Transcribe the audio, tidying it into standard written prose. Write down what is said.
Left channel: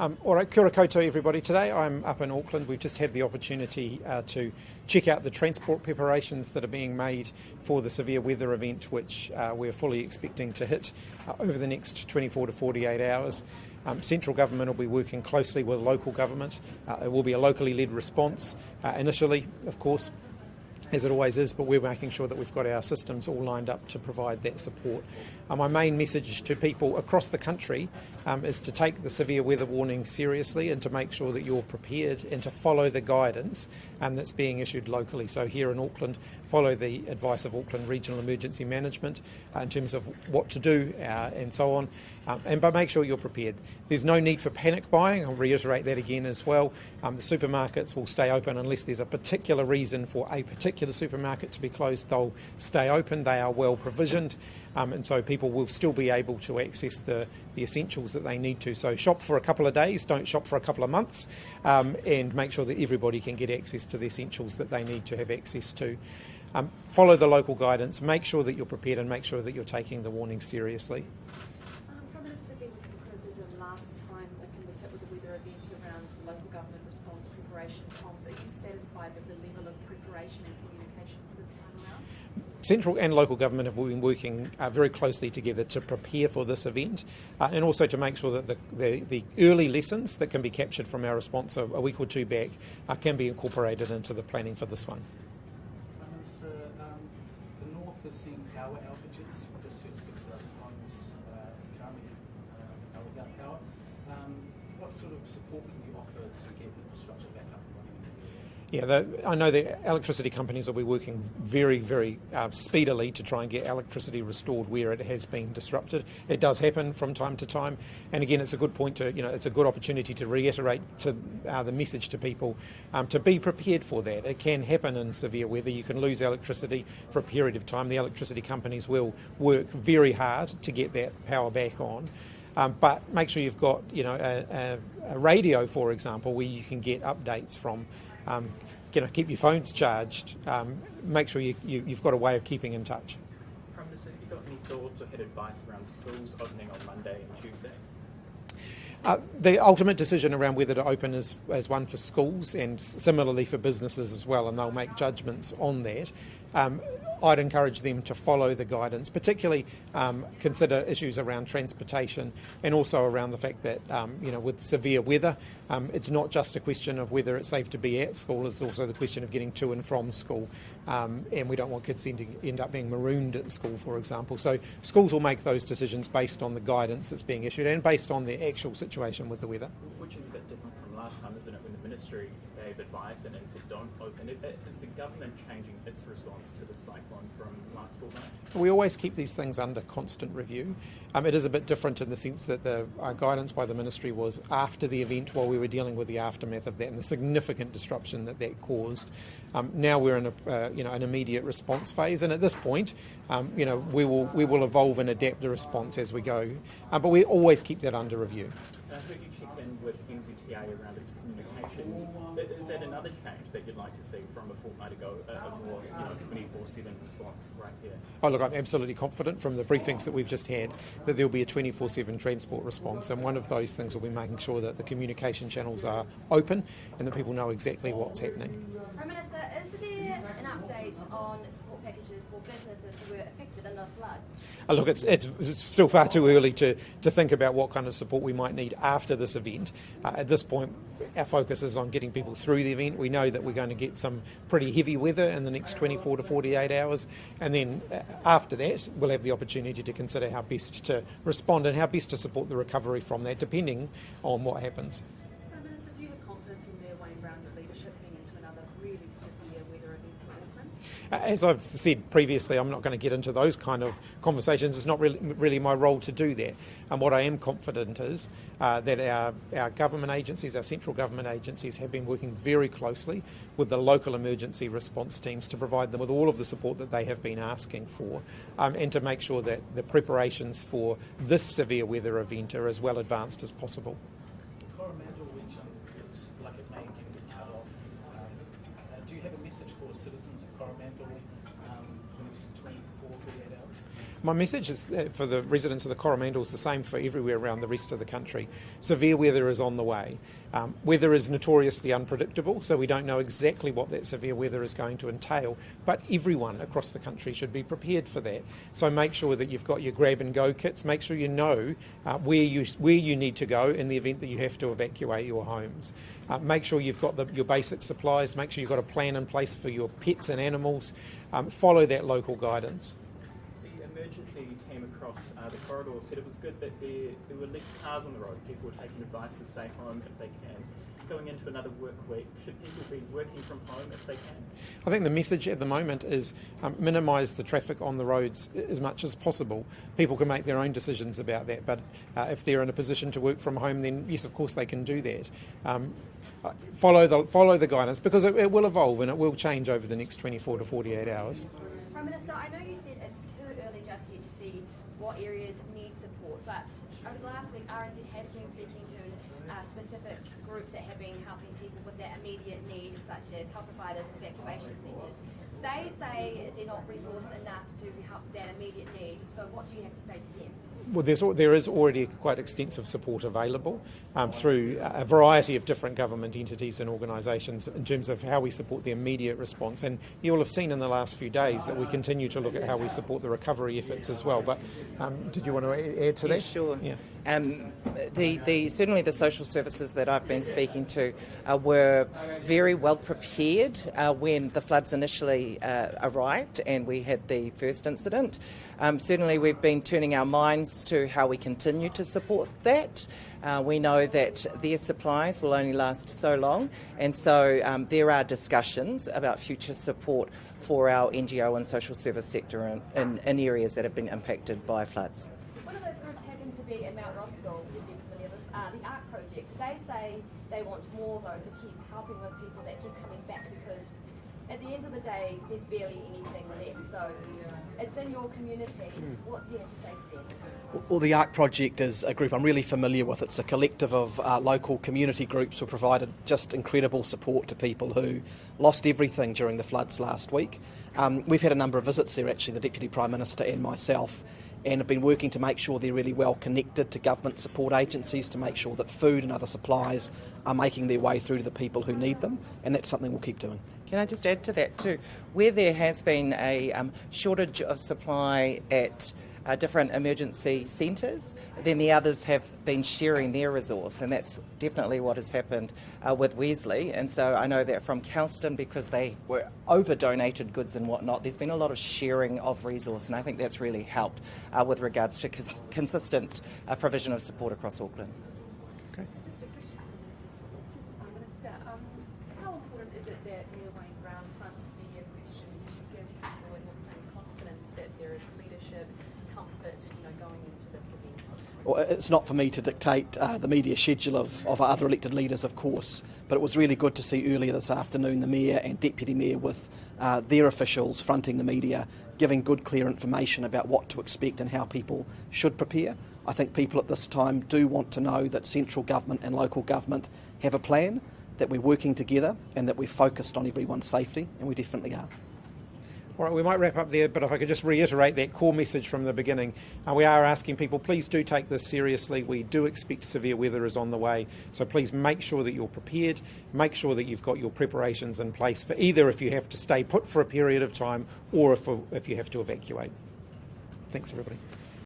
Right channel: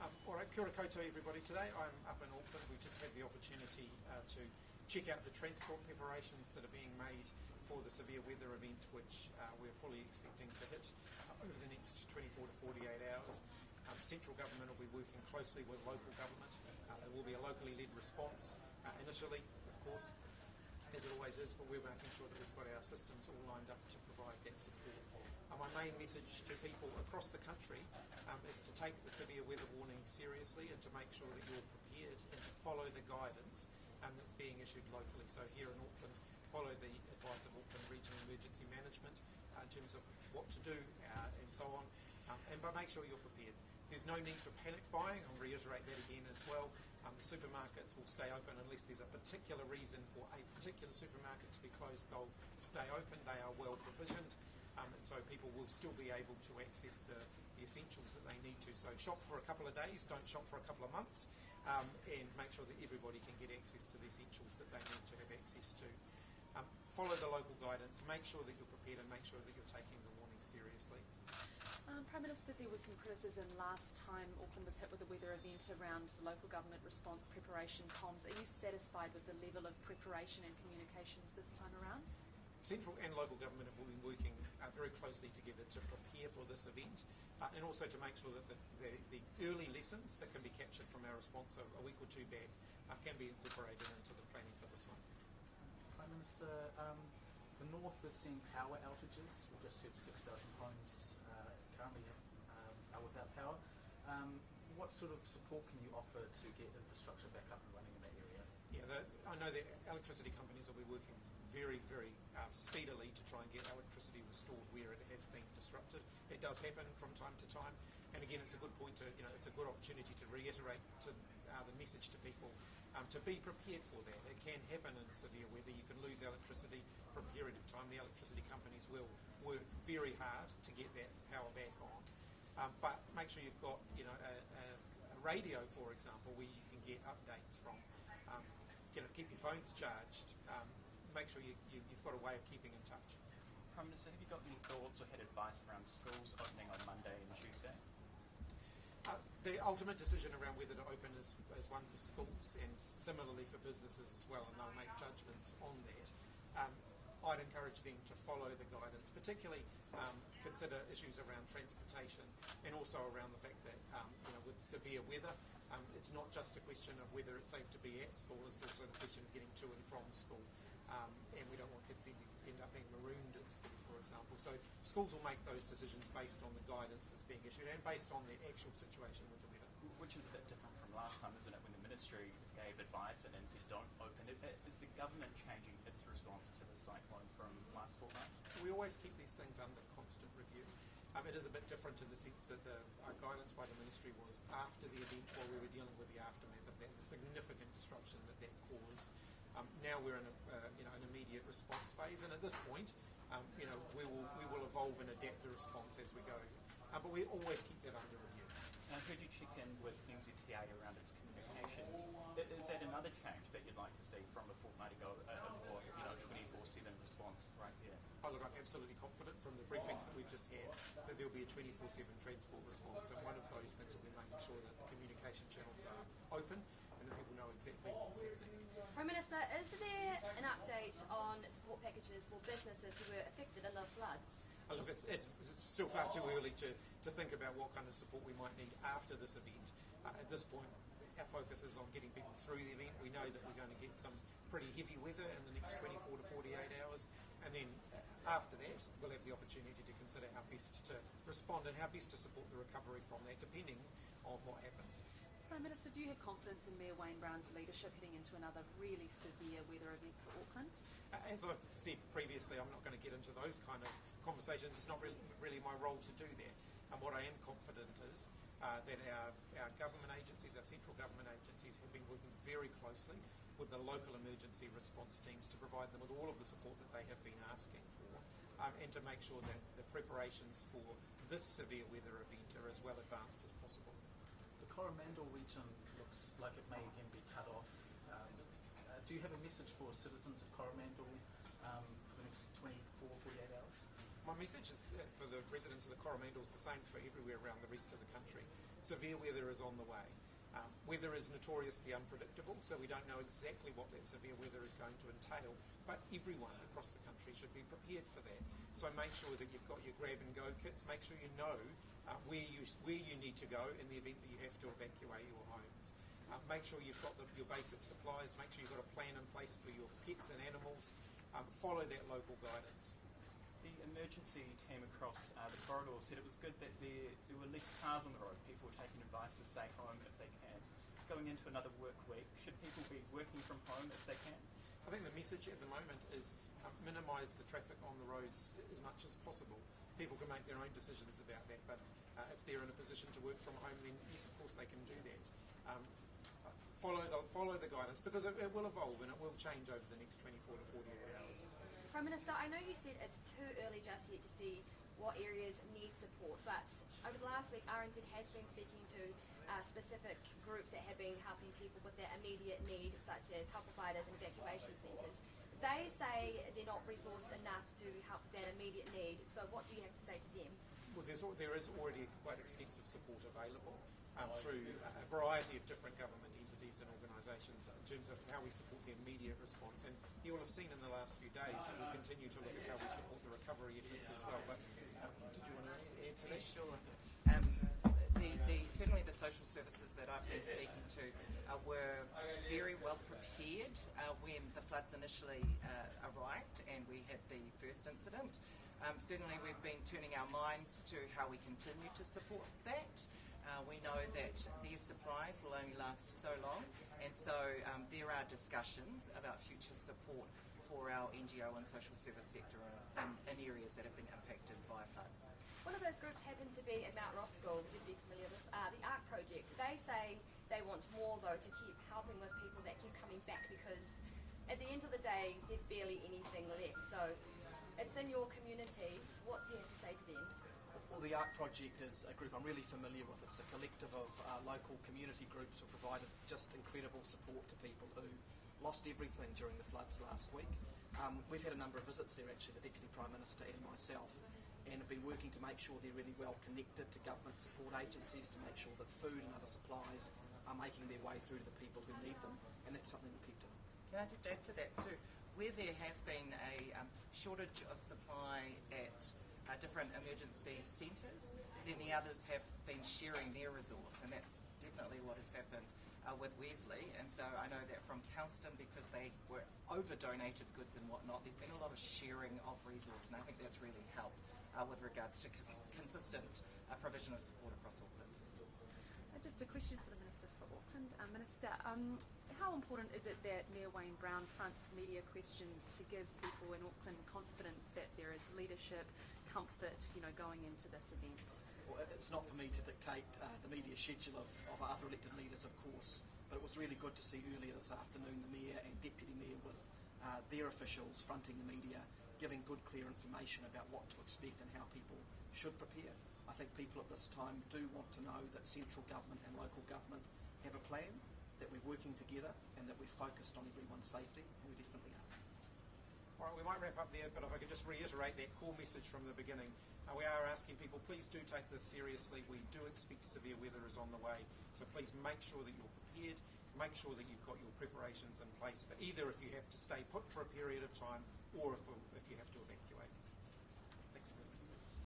All right, kia ora koutou everybody. Today I'm up in Auckland. We've just had the opportunity to check out the transport preparations that are being made for the severe weather event, which we're fully expecting to hit over the next 24 to 48 hours. Central government will be working closely with local government. It will be a locally led response initially, of course, as it always is, but we're making sure that we've got our systems all lined up to provide that support. My main message to people across the country is to take the severe weather warning seriously and to make sure that you're prepared and to follow the guidance that's being issued locally. So here in Auckland, follow the advice of Auckland Regional Emergency Management in terms of what to do and so on. But make sure you're prepared. There's no need for panic buying. I'll reiterate that again as well. The supermarkets will stay open unless there's a particular reason for a particular supermarket to be closed. They'll stay open. They are well provisioned. And so people will still be able to access the essentials that they need to. So shop for a couple of days, don't shop for a couple of months, and make sure that everybody can get access to the essentials that they need to have access to. Follow the local guidance, make sure that you're prepared and make sure that you're taking the warning seriously. Prime Minister, there was some criticism last time Auckland was hit with a weather event around local government response preparation comms. Are you satisfied with the level of preparation and communications this time around? Central and local government have been working very closely together to prepare for this event and also to make sure that the early lessons that can be captured from our response a week or two back can be incorporated into the planning for this one. Prime Minister, the North is seeing power outages. We've just heard 6,000 homes currently are without power. What sort of support can you offer to get infrastructure back up and running? Yeah, I know the electricity companies will be working very, very speedily to try and get electricity restored where it has been disrupted. It does happen from time to time, and again, it's a good point to, it's a good opportunity to reiterate to the message to people to be prepared for that. It can happen in severe weather. You can lose electricity for a period of time. The electricity companies will work very hard to get that power back on. But make sure you've got, a radio, for example, where you can get updates from. Keep your phones charged. Make sure you've got a way of keeping in touch. Prime Minister, have you got any thoughts or had advice around schools opening on Monday and Tuesday? The ultimate decision around whether to open is one for schools and similarly for businesses as well, and they'll make judgments on that. I'd encourage them to follow the guidance, particularly consider issues around transportation and also around the fact that, with severe weather, it's not just a question of whether it's safe to be at school, it's also the question of getting to and from school. And we don't want kids to end up being marooned at school, for example. So schools will make those decisions based on the guidance that's being issued and based on the actual situation with the weather. Which is a bit different from last time, isn't it, when the Ministry gave advice and said don't open it. Is the government changing its response to the cyclone from last fortnight? We always keep these things under constant review. It is a bit different in the sense that the guidance by the Ministry was after the event while we were dealing with the aftermath of that and the significant disruption that caused. Now we're in an immediate response phase, and at this point, we will evolve and adapt the response as we go. But we always keep that under review. I heard you check in with NZTA around its communications. Is that another change that you'd like to see from a fortnight ago, a more 24/7 response right here? Oh, look, I'm absolutely confident from the briefings that we've just had that there'll be a 24/7 transport response, and one of those things will be making sure that the communication channels are open and that people know exactly what's happening. Prime Minister, is there an update on support packages for businesses who were affected in the floods? Look, it's still far too early to think about what kind of support we might need after this event. At this point, our focus is on getting people through the event. We know that we're going to get some pretty heavy weather in the next 24 to 48 hours, and then after that, we'll have the opportunity to consider how best to respond and how best to support the recovery from that, depending on what happens. Prime Minister, do you have confidence in Mayor Wayne Brown's leadership heading into another really severe weather event for Auckland? As I've said previously, I'm not going to get into those kind of conversations. It's not really my role to do that. And what I am confident is that our government agencies, our central government agencies, have been working very closely with the local emergency response teams to provide them with all of the support that they have been asking for, and to make sure that the preparations for this severe weather event are as well advanced as possible. The Coromandel region looks like it may again be cut off. Do you have a message for citizens of Coromandel for the next 24, 48 hours? My message is for the residents of the Coromandel is the same for everywhere around the rest of the country. Severe weather is on the way. Weather is notoriously unpredictable, so we don't know exactly what that severe weather is going to entail, but everyone across the country should be prepared for that. So make sure that you've got your grab and go kits, make sure you know where you need to go in the event that you have to evacuate your homes. Make sure you've got your basic supplies, make sure you've got a plan in place for your pets and animals. Follow that local guidance. The emergency team across the corridor said it was good that there were less cars on the road. People were taking advice to stay home if they can. Going into another work week, should people be working from home if they can? I think the message at the moment is minimise the traffic on the roads as much as possible. People can make their own decisions about that, but if they're in a position to work from home, then yes, of course they can do that. Follow the guidance, because it will evolve and it will change over the next 24 to 48 hours. Prime Minister, I know you said it's too early just yet to see what areas need support, but over the last week RNZ has been speaking to specific groups that have been helping people with that immediate need, such as health providers, evacuation centres. They say they're not resourced enough to help that immediate need, so what do you have to say to them? Well, there is already quite extensive support available through a variety of different government entities and organisations in terms of how we support the immediate response. And you will have seen in the last few days that we continue to look at how we support the recovery efforts as well. But did you want to add to that? Sure. Yeah. Certainly the social services that I've been speaking to were very well prepared when the floods initially arrived and we had the first incident. Certainly we've been turning our minds to how we continue to support that. We know that their supplies will only last so long, and so there are discussions about future support for our NGO and social service sector in areas that have been impacted by floods. One of those groups happened to be in Mount Roskill, you'd be familiar with, the ARC project. They say they want more, though, to keep helping with people that keep coming back, because at the end of the day, there's barely anything left. So it's in your community. What do you have to say to them? Well, the ARC project is a group I'm really familiar with. It's a collective of local community groups who provided just incredible support to people who lost everything during the floods last week. We've had a number of visits there, actually, the Deputy Prime Minister and myself, and have been working to make sure they're really well connected to government support agencies to make sure that food and other supplies are making their way through to the people who need them, and that's something we'll keep doing. Can I just add to that too? Where there has been a shortage of supply at different emergency centres, then the others have been sharing their resource, and that's definitely what has happened with Wesley. And so I know that from Kelston, because they were over-donated goods and whatnot, there's been a lot of sharing of resource, and I think that's really helped with regards to consistent provision of support across Auckland. Just a question for the Minister for Auckland. Minister, how important is it that Mayor Wayne Brown fronts media questions to give people in Auckland confidence that there is leadership, comfort, going into this event? Well, it's not for me to dictate the media schedule of other elected leaders, of course, but it was really good to see earlier this afternoon the Mayor and Deputy Mayor with their officials fronting the media, giving good, clear information about what to expect and how people should prepare. I think people at this time do want to know that central government and local government have a plan, that we're working together and that we're focused on everyone's safety, and we definitely are. All right, we might wrap up there, but if I could just reiterate that core message from the beginning. We are asking people, please do take this seriously. We do expect severe weather is on the way, so please make sure that you're prepared, make sure that you've got your preparations in place for either if you have to stay put for a period of time or if you have to evacuate. Thanks, everybody.